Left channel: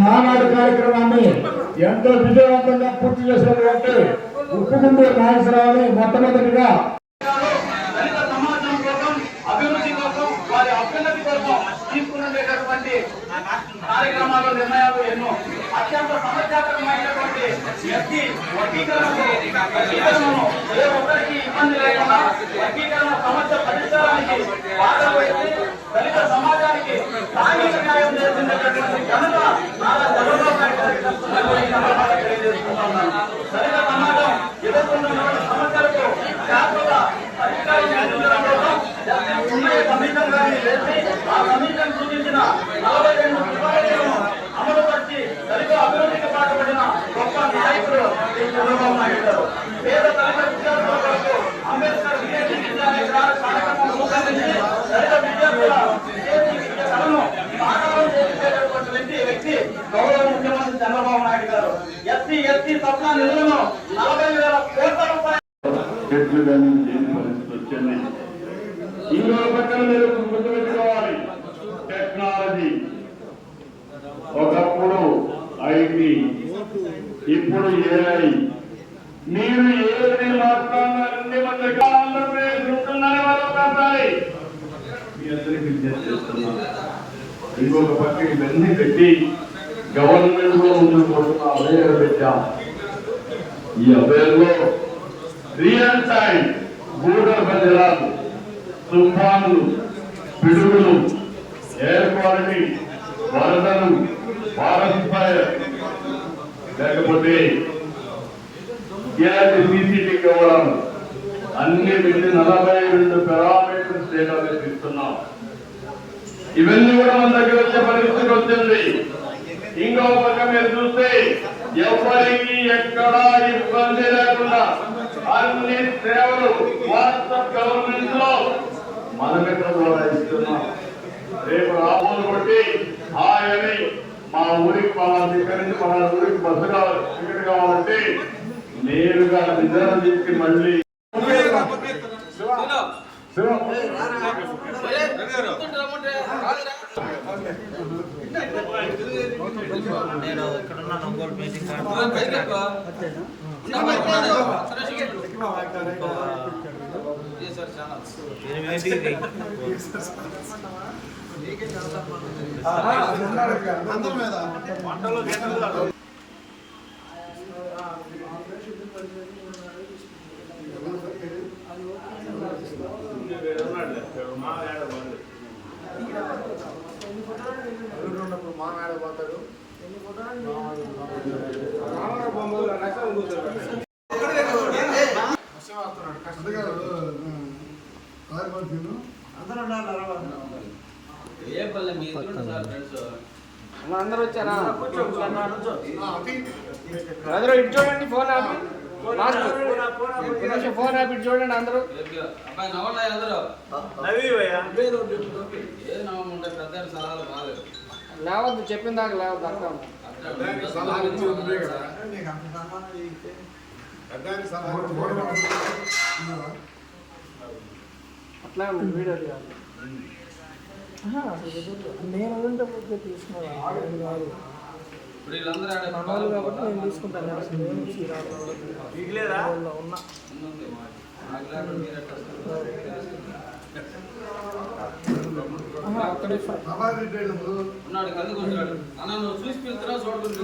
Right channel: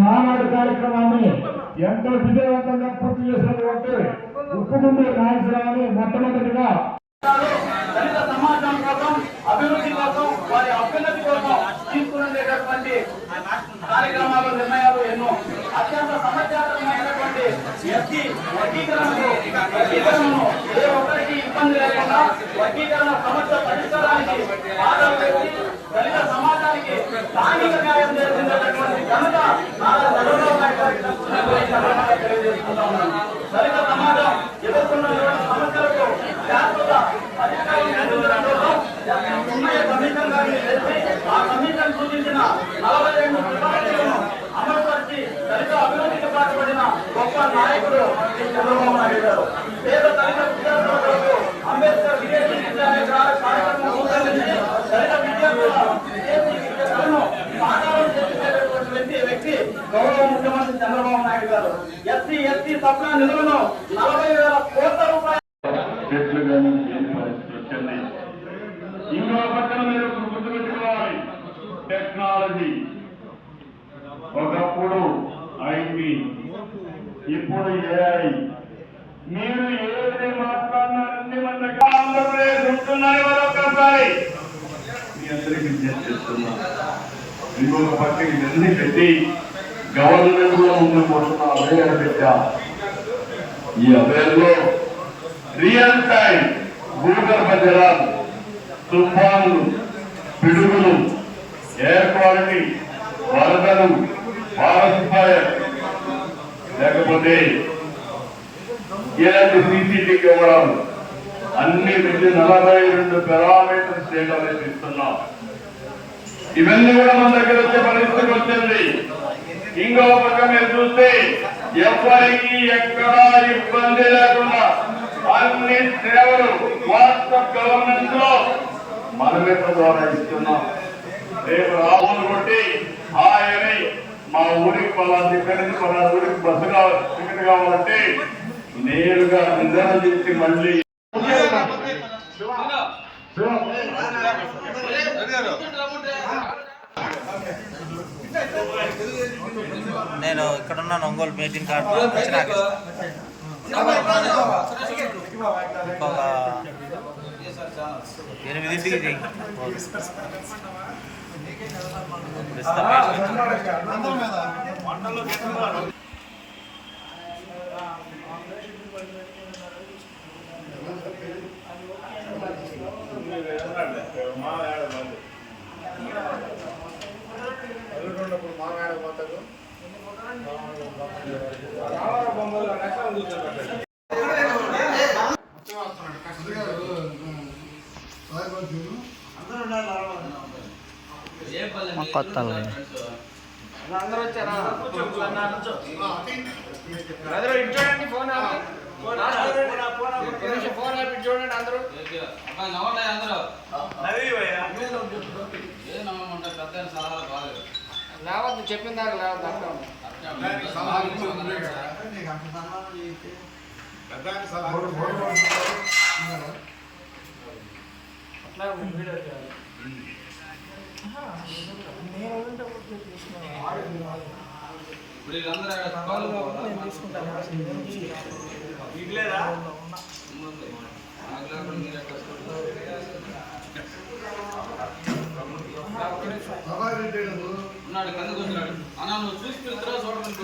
మానాడు కార్యక్రమాన్ని ఎంతో విజయవంతంగా పూర్తి చేసినటువంటి ఉప్పుగుండూరు నాగేశ్వరరావుని మొట్టమొదటిగా సమాజం కోసం అభివృద్ధి కోసం వారి అభ్యున్నతి కోసం తీసుకునేటటువంటి కార్యక్రమాలు నిర్ణయాలు ఎన్నో అత్యంత సమస్యాకరమైనటువంటి వర్గీకరణను ఏ ఒక్కరికి ఇబ్బంది లేకుండా వర్గీకరణ సమస్య పరిష్కారానికి బాధలు వేసి దళిత సమాజానికి స్థానిక న్యాయం చేసినటువంటి ఘనత నారా చంద్రబాబు నాయుడు గారికి తెలియజేసుకుంటా ఉన్నాను. దళిత సమాజం ఎదుర్కొన్న సమస్యలకు శాశ్వత పరిష్కారం కల్పించడం కోసం కమిషన్ గారిని వేసి ఆ కమిషన్ సూచించిన 42 సిఫారసులను అమలుపరిచి దళిత అభివృద్ధికి పాటుపడిన గొప్ప నాయకుడు చంద్రబాబు నాయుడు గారు. పేద దళిత విద్యార్థులకు అంబేద్కర్ విదేశీ విద్యాలయ కార్యక్రమం రూపొందించి దళిత విద్యార్థుల విదేశీ విద్యలను సాకారం చేసేటటువంటి వ్యక్తి గౌరవ ముఖ్యమంత్రి చంద్రబాబు నాయుడు గారు. ఎస్సీ సప్లా నిధులను 40,000 కోట్ల రూపాయలు ఇంకో పక్కన మీరు గుర్తుపెట్టుకోవాలి, టెక్నాలజీ. ఒకప్పుడు ఐటీ, ఇప్పుడు ఏఐ. మీరు ఏది మాట్లాడినారంటే ఆంధ్రప్రదేశ్ వస్తున్నాయి మరొకసారి మీ అందరికీ చేస్తున్నాం. ఇంకొక పక్క ఇవన్నీ పెట్టి గవర్నమెంట్ లో ఉండిపోతున్న అభయాలు పెట్టా. ఈ అభయంలో రియల్ టైం భూగర్భ జలాలు, తుఫాన్లు, పిడుగులు, ఎయిర్ క్వాలిటీ, వరదలు, ఫారెస్ట్ ఫైర్, లేకపోతే ఇలాంటి సీసీటీ కెమెరాలు అన్ని పెట్టి 42 పారామీటర్స్ డేటా ఇస్తున్నాం. ఇవన్నీ కూడా మన దగ్గర వచ్చే పరిస్థితి వచ్చింది. ఇంకో పక్క మీరు చూస్తే ఎవరికి ఎక్కడా ఇబ్బంది లేకుండా అన్ని సేవలు వాట్సాప్ గవర్నమెంట్ లో మనమే ద్వారా ఇస్తున్నాం. రేపు రాహుల్ కొట్టి ఆయని మా ఊరికి పలానా ఇక్కడి నుంచి పలానా ఊరికి బస్సు టికెట్ కావాలంటే నేరుగా నిర్ధారణ చేసి మళ్ళీ నేను ఇక్కడ ఉన్నాను. ఒంగోలు మీటింగ్ కార్డు మాట్లాడబోతాడు. కొత్త చూడండి ఫోన్ ఆపి చూడండి అందరూ. అబ్బాయి నవ్వండి అందరూ. ఏది నవ్వమంటే పెద్ద సలహాలు బాగాలేదు. లేవద్దు, చెప్పిన దాకా లేవద్దు. అట్లా వీడియో ఇప్పుడు వీళ్ళందరూ తీసుకుంటాను. ఉన్నాడు కిందకు వచ్చినాడు. అన్న నువ్వు చూసి చూస్తున్నా చూడకుండా